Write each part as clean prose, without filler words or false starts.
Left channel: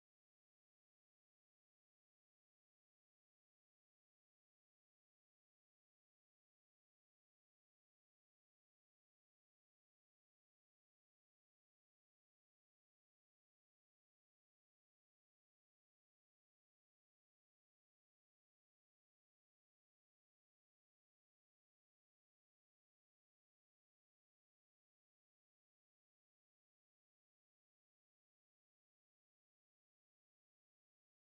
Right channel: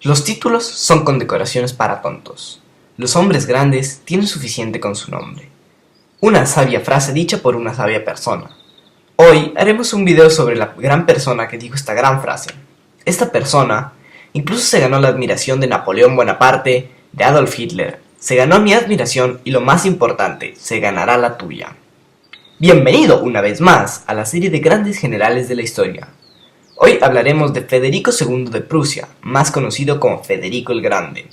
Los títulos son condecoraciones para tontos. Los hombres grandes tienen suficiente con su nombre. Una sabia frase dicha por una sabia persona. Hoy haremos un video sobre la gran persona que dijo esta gran frase. Esta persona incluso se ganó la admiración de Napoleón Bonaparte, de Adolf Hitler. Se ganó mi admiración y lo más importante, se ganará la tuya. Bienvenido una vez más a la serie de grandes generales de la historia. Hoy hablaremos de Federico II de Prusia, más conocido como Federico el Grande.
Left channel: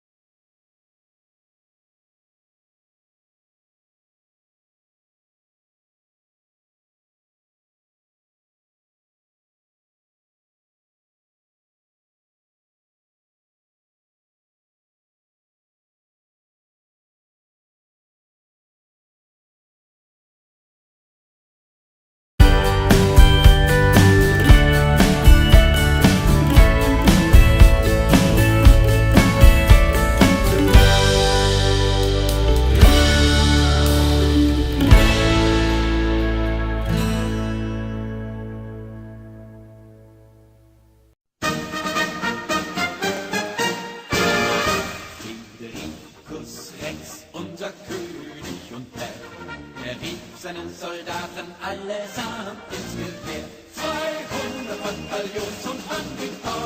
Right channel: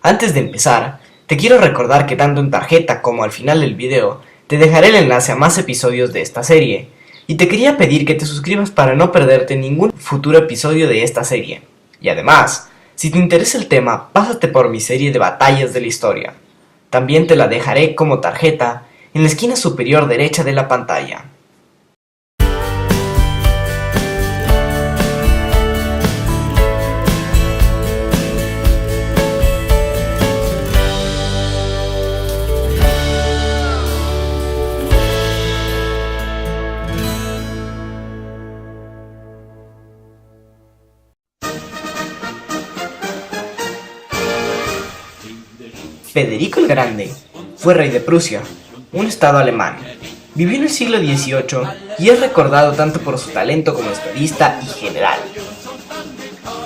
Antes de empezar, te quiero recordar que tanto en tarjeta como al final del video, te dejaré el enlace a más episodios de esta serie, y te quería pedir que te suscribas para no perderte ningún futuro episodio de esta serie. Y además, si te interesa el tema, pásate por mi serie de batallas de la historia. También te la dejaré como tarjeta en la esquina superior derecha de la pantalla. Federico el Grande fue rey de Prusia, un estado alemán. Vivió en el siglo XVIII y es recordado tanto por su talento como estadista y general.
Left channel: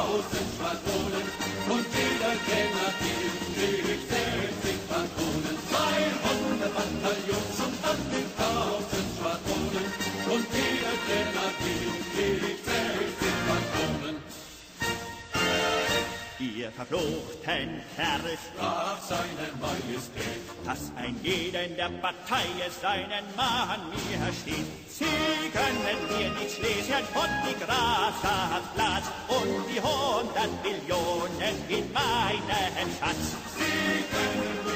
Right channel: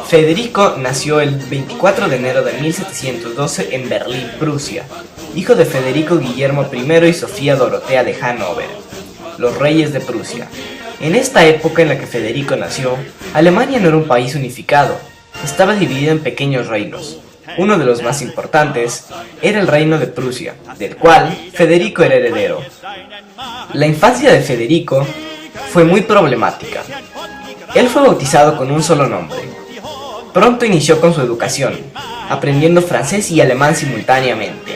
Federico nació el 24 de enero de 1712 en Berlín, Prusia, hijo de Federico Guillermo I y Sofía Dorotea de Hannover, los reyes de Prusia. En esta época en la que Federico nació, Alemania no era un país unificado, estaba dividido en pequeños reinos. Uno de los más importantes era el reino de Prusia, del cual Federico era heredero. La infancia de Federico fue muy problemática. Él fue bautizado con un solo nombre. Pronto inició con su educación, aprendiendo francés y alemán simultáneamente.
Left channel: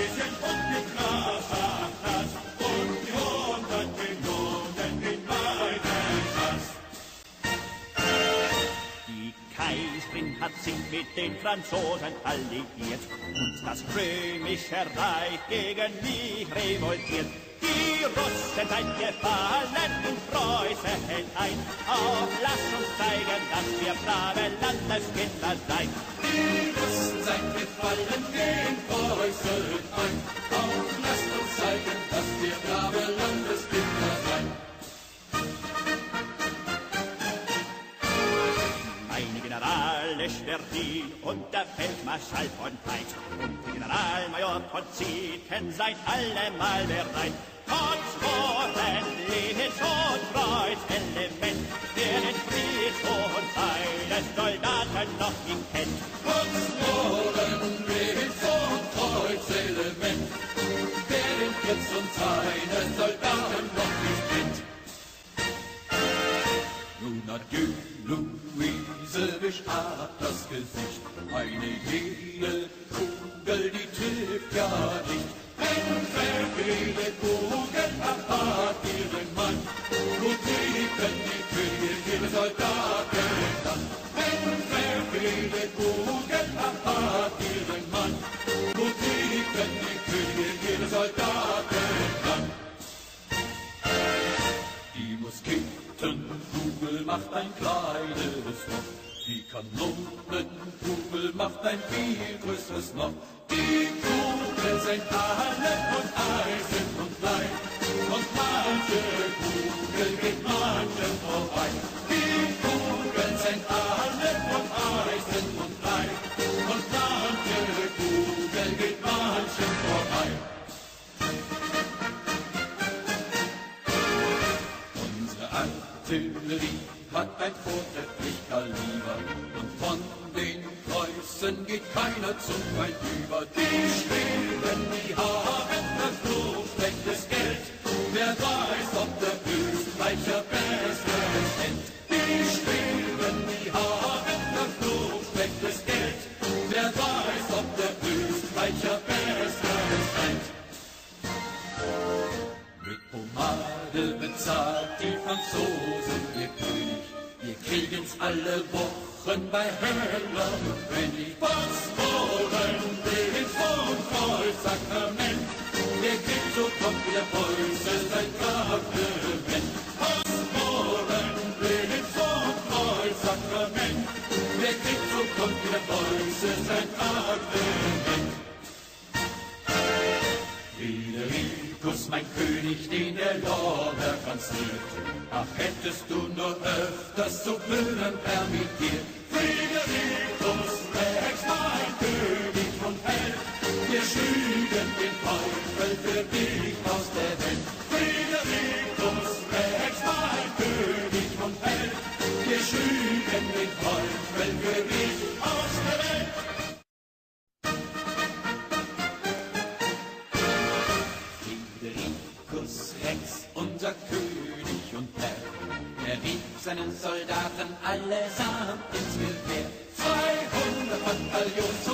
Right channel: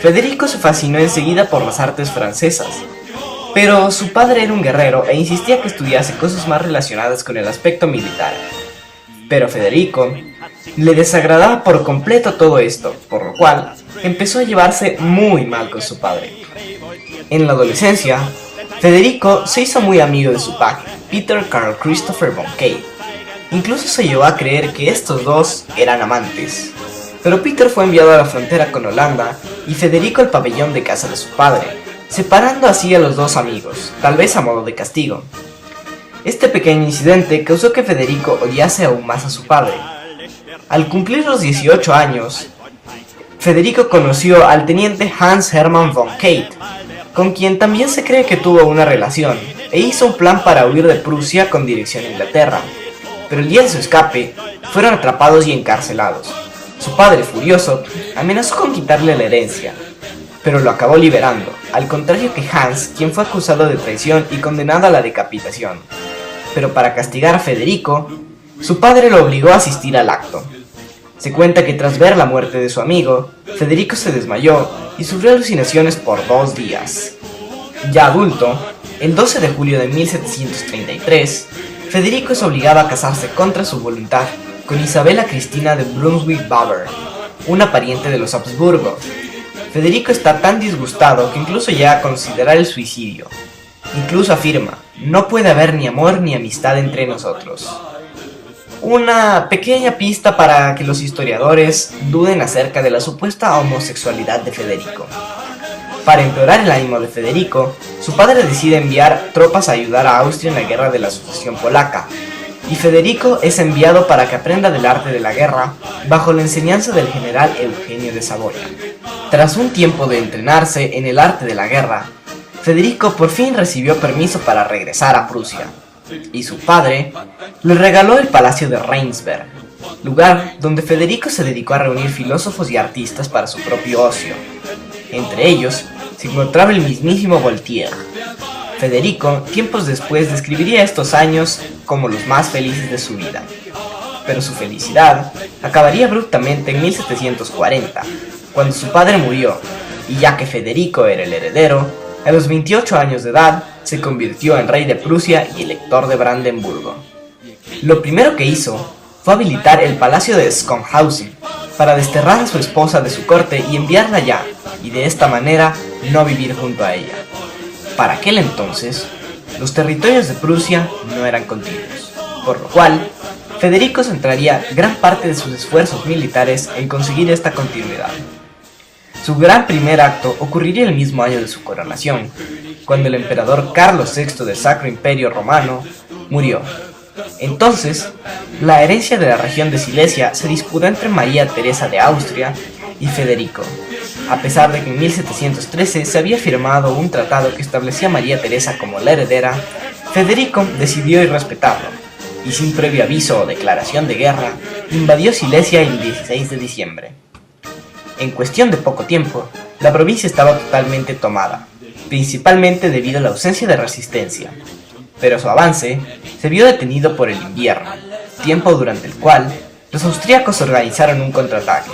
Federico se fascinó enseguida por las artes francesas, pero su padre era un guerrero e insistía que estudiase cosas más relacionadas con el aspecto militar. Pero a Federico le desagradaba por completo todo esto, por lo cual empezó a llevarse muy mal con su padre. En la adolescencia, Federico se hizo muy amigo de su padre, Peter Carl Christopher von Kahr. Incluso se llevó a creer que estos dos eran amantes. Pero Peter fue enviado a la frontera con Holanda y Federico al pabellón de casa de su padre, separando así a los dos amigos, tal vez a modo de castigo. Este pequeño incidente causó que Federico odiase aún más a su padre. Al cumplir los 18 años, Federico conoció al teniente Hans Hermann von Kahr, con quien también se cree que tuvo una relación, e hizo un plan para huir de Prusia con dirección a Inglaterra. Pero el día de su escape, fueron atrapados y encarcelados. Su padre, furioso, amenazó con quitarle la herencia, pero lo acabó liberando, al contrario que Hans, quien fue acusado de traición y condenado a la decapitación. Pero para castigar a Federico, su padre lo obligó a asistir al acto. Se cuenta que tras ver la muerte de su amigo, Federico se desmayó y sufrió alucinaciones por 2 días. Ya adulto, el 12 de julio de 1733, Federico es obligado a casarse contra su voluntad con Isabella Cristina de Brunswick-Baber, una pariente de los Habsburgo. Federico está tan disgustado que incluso llega a considerar el suicidio. Incluso afirma, no puede haber ni amor ni amistad entre nosotros. Una pequeña pista para que los historiadores duden acerca de la supuesta homosexualidad de Federico. Para empeorar el ánimo de Federico, su padre decide enviar tropas a ayudar a Austria en la guerra de la sucesión polaca, y Federico es enviado para que aprenda del arte de la guerra bajo la enseñanza del general Eugenio de Saboya. Tras un tiempo de entrenarse en el arte de la guerra, Federico por fin recibió permiso para regresar a Prusia, y su padre le regaló el Palacio de Rheinsberg, lugar donde Federico se dedicó a reunir filósofos y artistas para su propio ocio. Entre ellos se encontraba el mismísimo Voltaire. Federico, tiempos después, describiría estos años como los más felices de su vida. Pero su felicidad acabaría abruptamente en 1740, cuando su padre murió, y ya que Federico era el heredero, a los 28 años de edad se convirtió en rey de Prusia y elector de Brandenburgo. Lo primero que hizo fue habilitar el palacio de Schönhausen para desterrar a su esposa de su corte y enviarla allá, y de esta manera no vivir junto a ella. Para aquel entonces, los territorios de Prusia no eran continuos, por lo cual Federico centraría gran parte de sus esfuerzos militares en conseguir esta continuidad. Su gran primer acto ocurriría el mismo año de su coronación, cuando el emperador Carlos VI del Sacro Imperio Romano murió. Entonces, la herencia de la región de Silesia se disputó entre María Teresa de Austria y Federico, a pesar de que en 1713 se había firmado un tratado que establecía a María Teresa como la heredera. Federico decidió irrespetarlo, y sin previo aviso o declaración de guerra, invadió Silesia el 16 de diciembre. En cuestión de poco tiempo, la provincia estaba totalmente tomada, principalmente debido a la ausencia de resistencia, pero su avance se vio detenido por el invierno, tiempo durante el cual los austríacos organizaron un contraataque.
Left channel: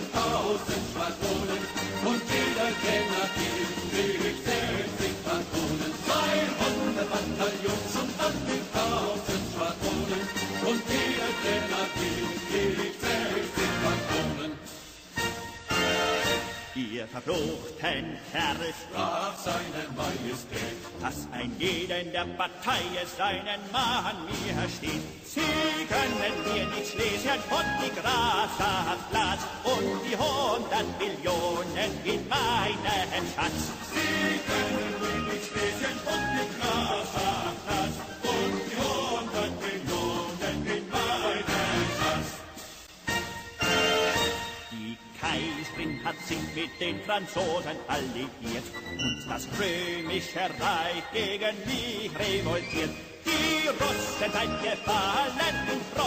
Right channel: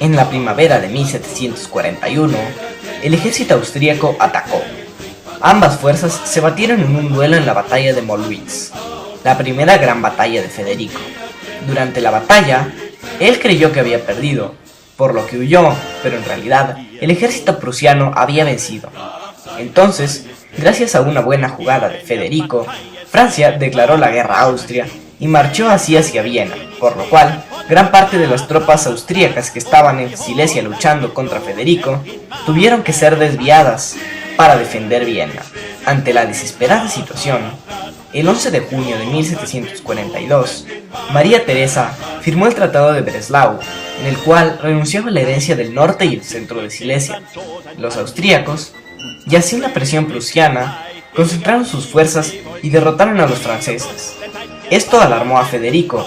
En la primavera de 1741, el ejército austríaco atacó. Ambas fuerzas se batieron en un duelo en la batalla de Mollwitz, la primera gran batalla de Federico. Durante la batalla, él creyó que había perdido, por lo que huyó, pero en realidad el ejército prusiano había vencido. Entonces, gracias a una buena jugada de Federico, Francia declaró la guerra a Austria y marchó así hacia Viena, por lo cual gran parte de las tropas austríacas que estaban en Silesia luchando contra Federico tuvieron que ser desviadas para defender Viena. Ante la desesperada situación, el 11 de junio de 1742, María Teresa firmó el Tratado de Breslau, en el cual renunciaba a la herencia del norte y el centro de Silesia. Los austríacos, y así la presión prusiana, concentraron sus fuerzas y derrotaron a los franceses. Esto alarmó a Federico.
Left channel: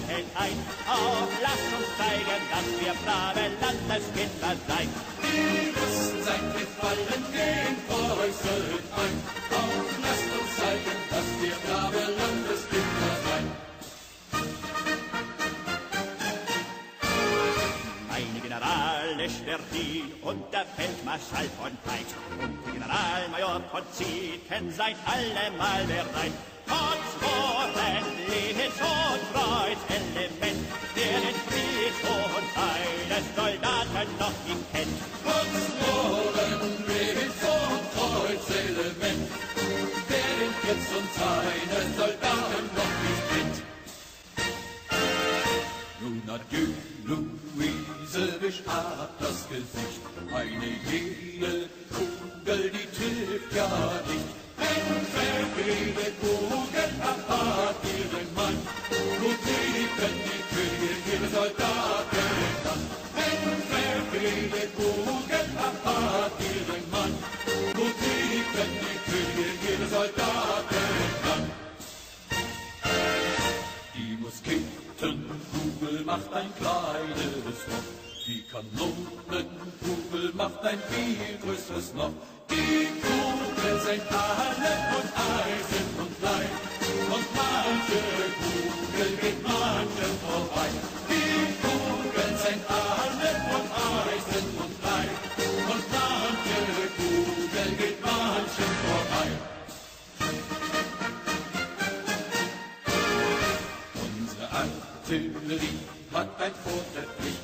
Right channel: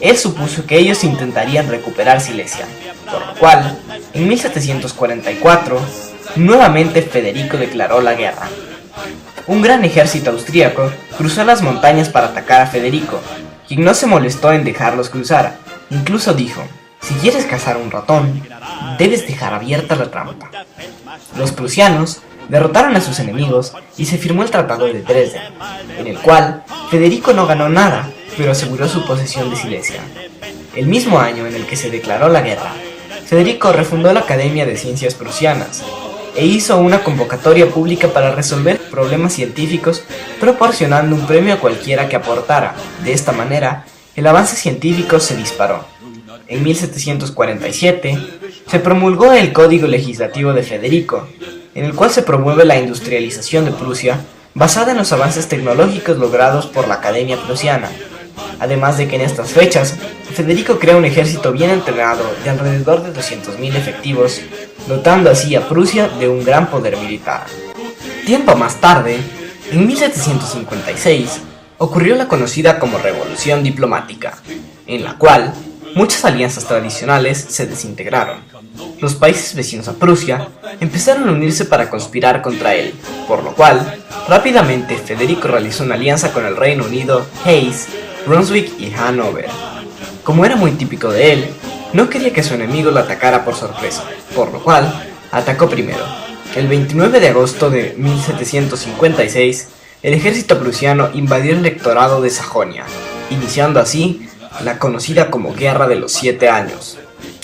Él supuso que ellos intentarían recuperar Silesia, por lo cual, en 1744, nuevamente Federico declaró la guerra. Un gran ejército austríaco cruzó las montañas para atacar a Federico, quien no se molestó en dejarlos cruzar. Incluso dijo: "Si quieres cazar un ratón, debes dejar abierta la trampa". Los prusianos derrotaron a sus enemigos y se firmó el Tratado de Dresden, en el cual Federico no ganó nada, pero aseguró su posesión de Silesia. El mismo año en el que se declaró la guerra, Federico refundó la Academia de Ciencias Prusianas e hizo una convocatoria pública para resolver problemas científicos, proporcionando un premio a cualquiera que aportara. De esta manera, el avance científico se disparó. En 1747 se promulgó el Código Legislativo de Federico, en el cual se promueve la industrialización de Prusia basada en los avances tecnológicos logrados por la Academia Prusiana. Además de que en estas fechas, Federico crea un ejército bien entrenado de alrededor de 200.000 efectivos, dotando así a Prusia de un gran poder militar. Tiempo más tarde, en 1756, ocurrió la conocida como Revolución Diplomática, en la cual muchas alianzas tradicionales se desintegraron. Los países vecinos a Prusia empezaron a unirse para conspirar contra él, por lo cual, rápidamente Federico realizó una alianza con el Reino Unido, Hesse, Brunswick y Hannover. Como era muy típico de él, no quería que su enemigo lo atacara por sorpresa, por lo cual atacó primero. El 29 de agosto de 1756, el ejército prusiano invadió el electorado de Sajonia, iniciando así la conocida como Guerra de los 7 Años.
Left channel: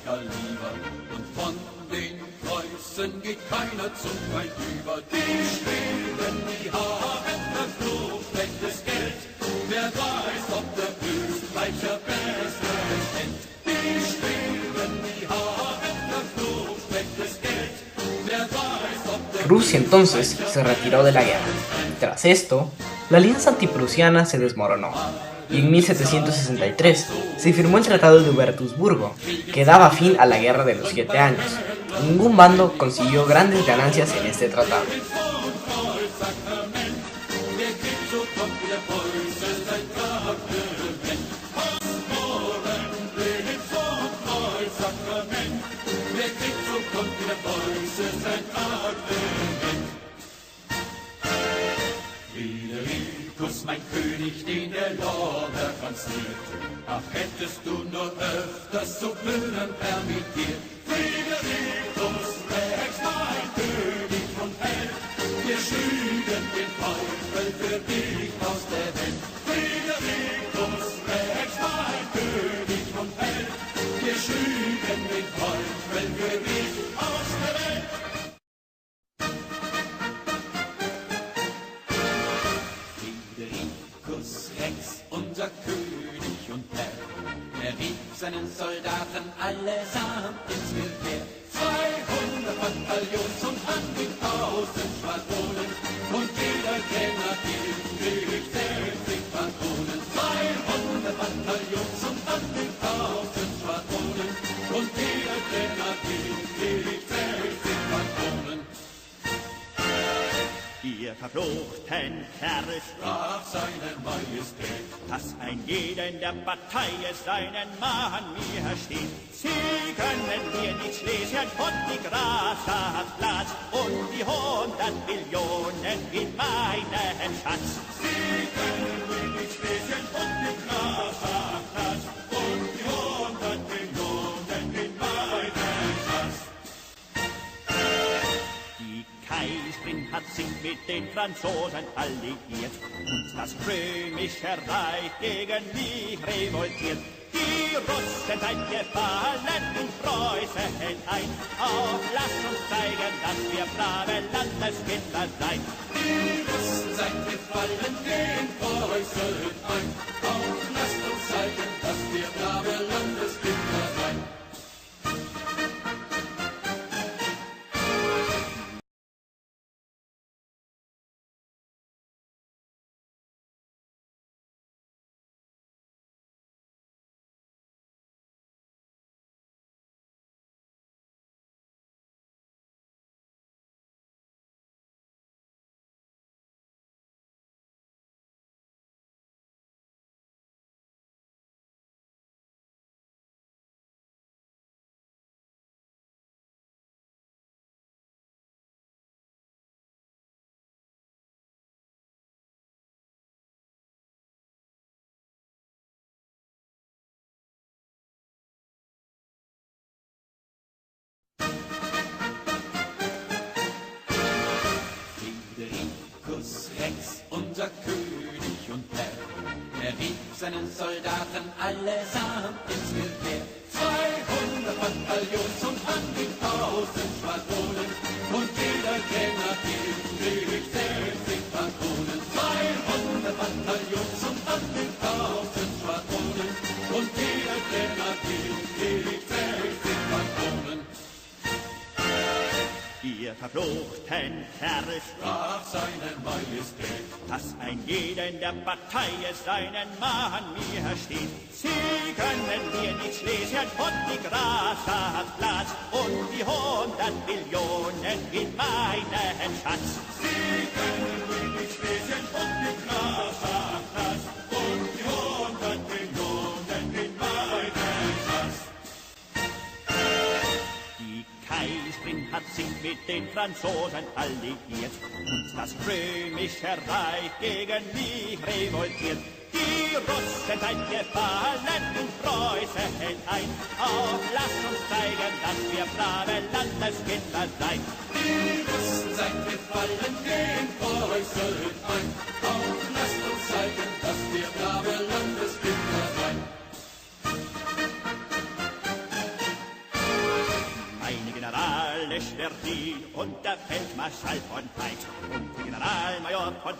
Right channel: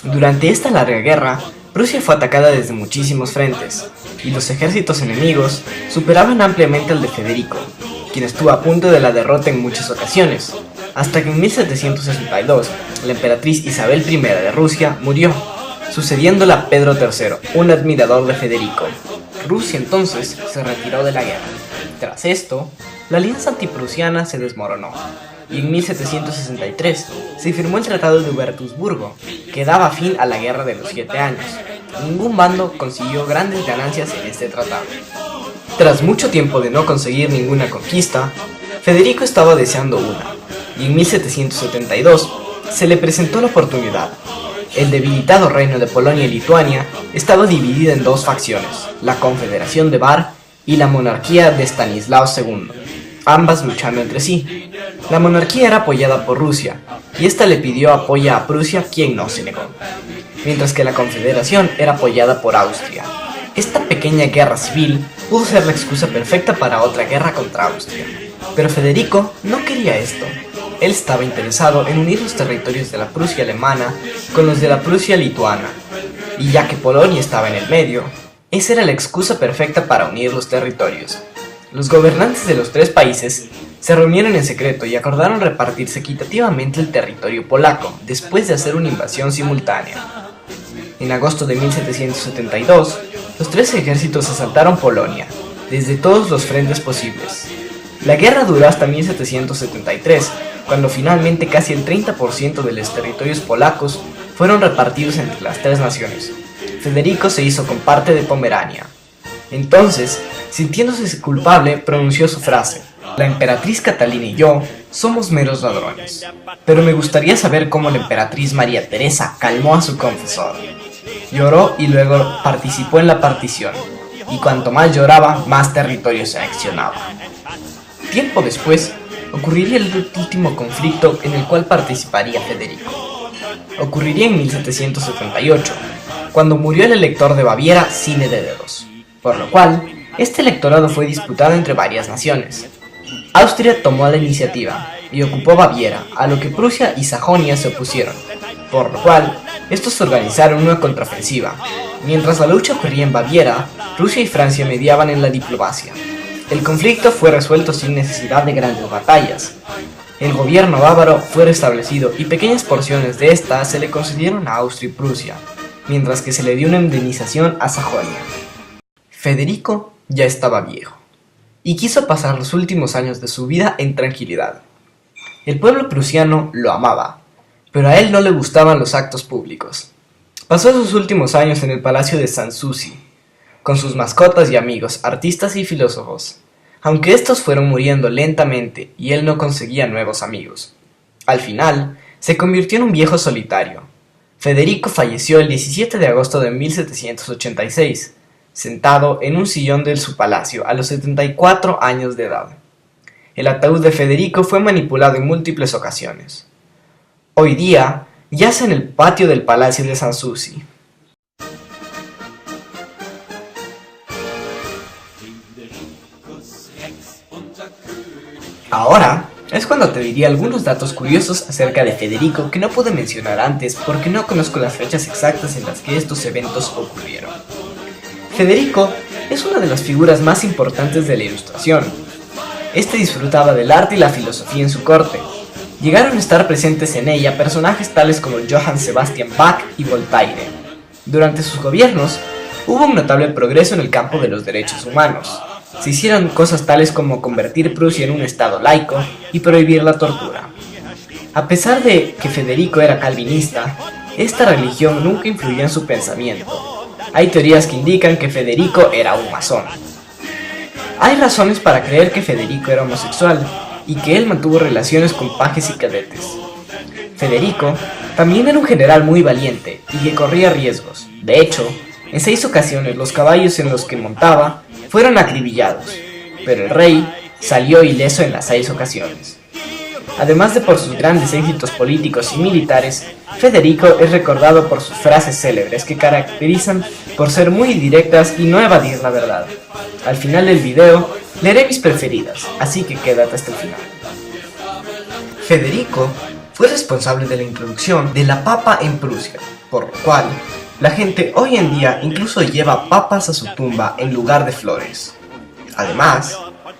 Durante esta larga guerra, Prusia fue atacada desde muchísimos frentes, y los ejércitos enemigos superaban ampliamente al de Federico, quien estuvo a punto de la derrota en muchas ocasiones, hasta que en 1762 la emperatriz Isabel I de Rusia murió, sucediéndola a Pedro III, un admirador de Federico. Rusia entonces se retiró de la guerra. Tras esto, la alianza antiprusiana se desmoronó, y en 1763 se firmó el Tratado de Hubertusburgo, que daba fin a la Guerra de los 7 Años. Ningún bando consiguió grandes ganancias en este tratado. Tras mucho tiempo de no conseguir ninguna conquista, Federico estaba deseando una, y en 1772 se le presentó la oportunidad. El debilitado reino de Polonia y Lituania estaba dividido en dos facciones, la Confederación de Bar y la monarquía de Stanislao II, ambas luchando entre sí. La monarquía era apoyada por Rusia, y esta le pidió apoyo a Prusia, quien no se negó, mientras que la Confederación era apoyada por Austria. Esta pequeña guerra civil pudo ser la excusa perfecta para otra guerra contra Austria, pero Federico no quería esto. Él estaba interesado en unir los territorios de la Prusia alemana con los de la Prusia lituana, y ya que Polonia estaba en el medio, esa era la excusa perfecta para unir los territorios. Los gobernantes de los tres países se reunieron en secreto y acordaron repartirse equitativamente el territorio polaco después de hacer una invasión simultánea. En agosto de 1772, los tres ejércitos asaltaron Polonia desde todos los frentes posibles. La guerra duró hasta 1773, cuando finalmente casi el 30% de los territorios polacos fueron repartidos entre las tres naciones. Federico se hizo con parte de Pomerania. Entonces, sintiéndose culpable, pronunció su frase: "La emperatriz Catalina y yo somos meros ladrones". Pero me gustaría saber cómo la emperatriz María Teresa calmó a su confesor. Lloró y luego participó en la partición, y cuanto más lloraba, más territorio se anexionaba. Tiempo después, ocurriría el último conflicto en el cual participaría Federico. Ocurriría en 1778, cuando murió el elector de Baviera sin herederos, por lo cual, este electorado fue disputado entre varias naciones. Austria tomó la iniciativa y ocupó Baviera, a lo que Prusia y Sajonia se opusieron, por lo cual, estos organizaron una contraofensiva. Mientras la lucha ocurría en Baviera, Rusia y Francia mediaban en la diplomacia. El conflicto fue resuelto sin necesidad de grandes batallas. El gobierno bávaro fue restablecido y pequeñas porciones de esta se le concedieron a Austria y Prusia, mientras que se le dio una indemnización a Sajonia. Federico ya estaba viejo, y quiso pasar los últimos años de su vida en tranquilidad. El pueblo prusiano lo amaba, pero a él no le gustaban los actos públicos. Pasó sus últimos años en el palacio de Sanssouci, con sus mascotas y amigos, artistas y filósofos, aunque estos fueron muriendo lentamente y él no conseguía nuevos amigos. Al final, se convirtió en un viejo solitario. Federico falleció el 17 de agosto de 1786, sentado en un sillón de su palacio a los 74 años de edad. El ataúd de Federico fue manipulado en múltiples ocasiones. Hoy día, yace en el patio del palacio de Sanssouci. Ahora es cuando te diría algunos datos curiosos acerca de Federico que no pude mencionar antes porque no conozco las fechas exactas en las que estos eventos ocurrieron. Federico es una de las figuras más importantes de la Ilustración. Este disfrutaba del arte y la filosofía en su corte. Llegaron a estar presentes en ella personajes tales como Johann Sebastian Bach y Voltaire. Durante sus gobiernos, hubo un notable progreso en el campo de los derechos humanos. Se hicieron cosas tales como convertir Prusia en un estado laico y prohibir la tortura. A pesar de que Federico era calvinista, esta religión nunca influyó en su pensamiento. Hay teorías que indican que Federico era un masón. Hay razones para creer que Federico era homosexual y que él mantuvo relaciones con pajes y cadetes. Federico también era un general muy valiente y que corría riesgos. De hecho, en 6 ocasiones los caballos en los que montaba fueron acribillados, pero el rey salió ileso en las 6 ocasiones. Además de por sus grandes éxitos políticos y militares, Federico es recordado por sus frases célebres que caracterizan por ser muy directas y no evadir la verdad. Al final del video leeré mis preferidas, así que quédate hasta el final. Federico fue responsable de la introducción de la papa en Prusia, por lo cual la gente hoy en día incluso lleva papas a su tumba en lugar de flores. Además,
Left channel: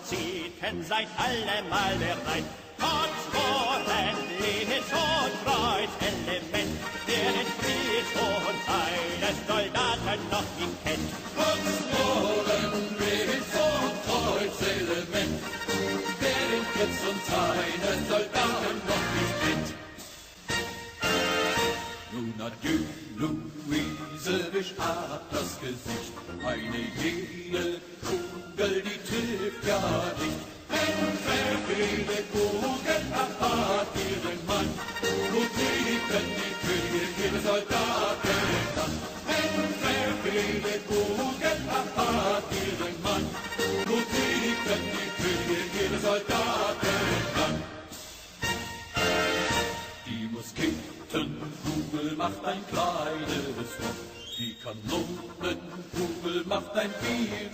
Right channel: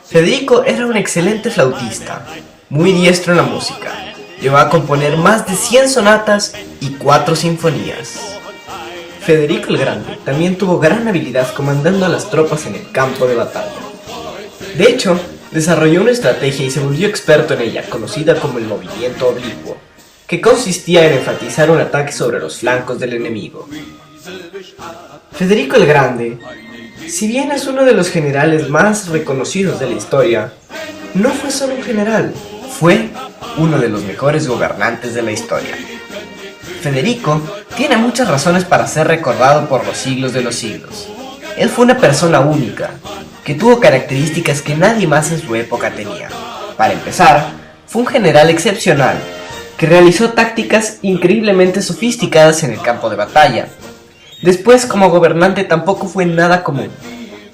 Federico era un excelente flautista, muy diestro en la música. Llegó a componer más de 100 sonatas y 4 sinfonías. Federico el Grande también tuvo gran habilidad comandando a las tropas en el campo de batalla. De hecho, desarrolló una estrategia y se volvió experto en ella, conocida como el movimiento oblicuo, que consistía en enfatizar un ataque sobre los flancos del enemigo. Federico el Grande, si bien es uno de los generales más reconocidos de la historia, no fue solo un general, fue uno de los mejores gobernantes de la historia. Federico tiene muchas razones para ser recordado por los siglos de los siglos. Él fue una persona única, que tuvo características que nadie más en su época tenía. Para empezar, fue un general excepcional, que realizó tácticas increíblemente sofisticadas en el campo de batalla. Después, como gobernante, tampoco fue nada común.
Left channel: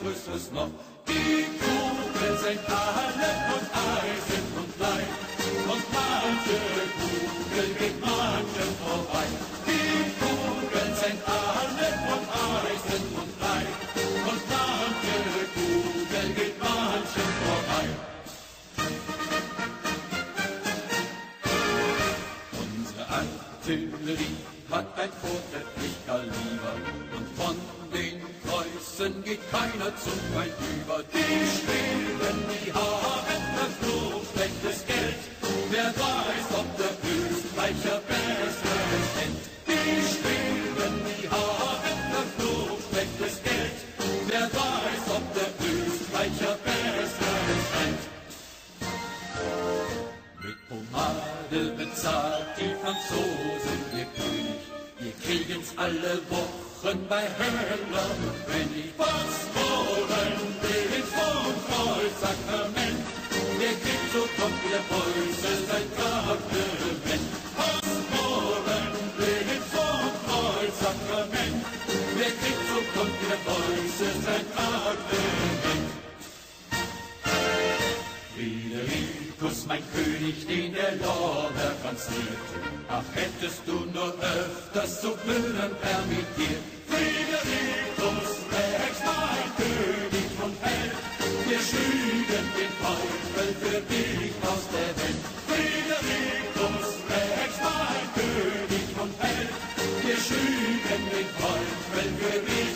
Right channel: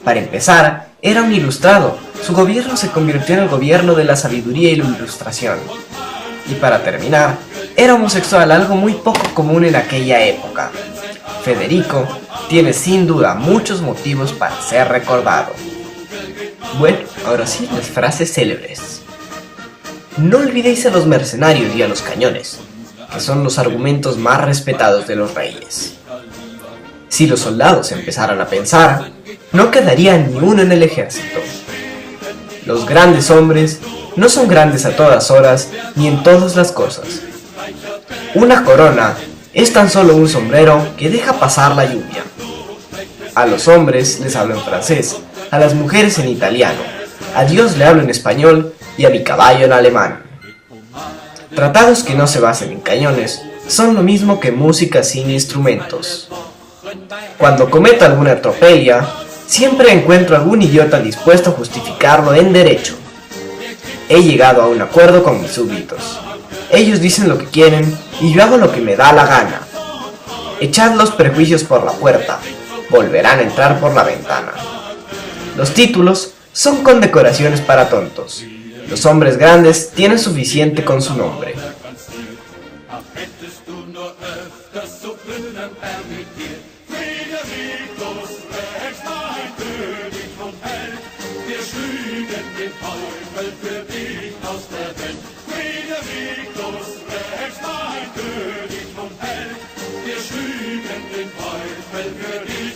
Para empezar, era un ilustrado. Su gobierno se convirtió en el gobierno de la sabiduría y la ilustración. Y para terminar, era homosexual, algo muy poco común en aquella época. Federico tiene sin duda muchos motivos para ser recordado. Bueno, ahora sí, las frases célebres. No olvidéis a los mercenarios y a los cañones, que son los argumentos más respetados de los reyes. Si los soldados empezaran a pensar, no quedaría ni uno en el ejército. Los grandes hombres no son grandes a todas horas ni en todas las cosas. Una corona es tan solo un sombrero que deja pasar la lluvia. A los hombres les hablo en francés, a las mujeres en italiano, a Dios le hablo en español y a mi caballo en alemán. Tratados que no se basen en cañones son lo mismo que música sin instrumentos. Cuando cometo alguna tropelía, siempre encuentro algún idiota dispuesto a justificarlo en derecho. He llegado a un acuerdo con mis súbditos. Ellos dicen lo que quieren y yo hago lo que me da la gana. Echad los prejuicios por la puerta, volverán a entrar por la ventana. Los títulos son condecoraciones para tontos. Los hombres grandes tienen suficiente con su nombre. Wir schüben den Teufel für dich.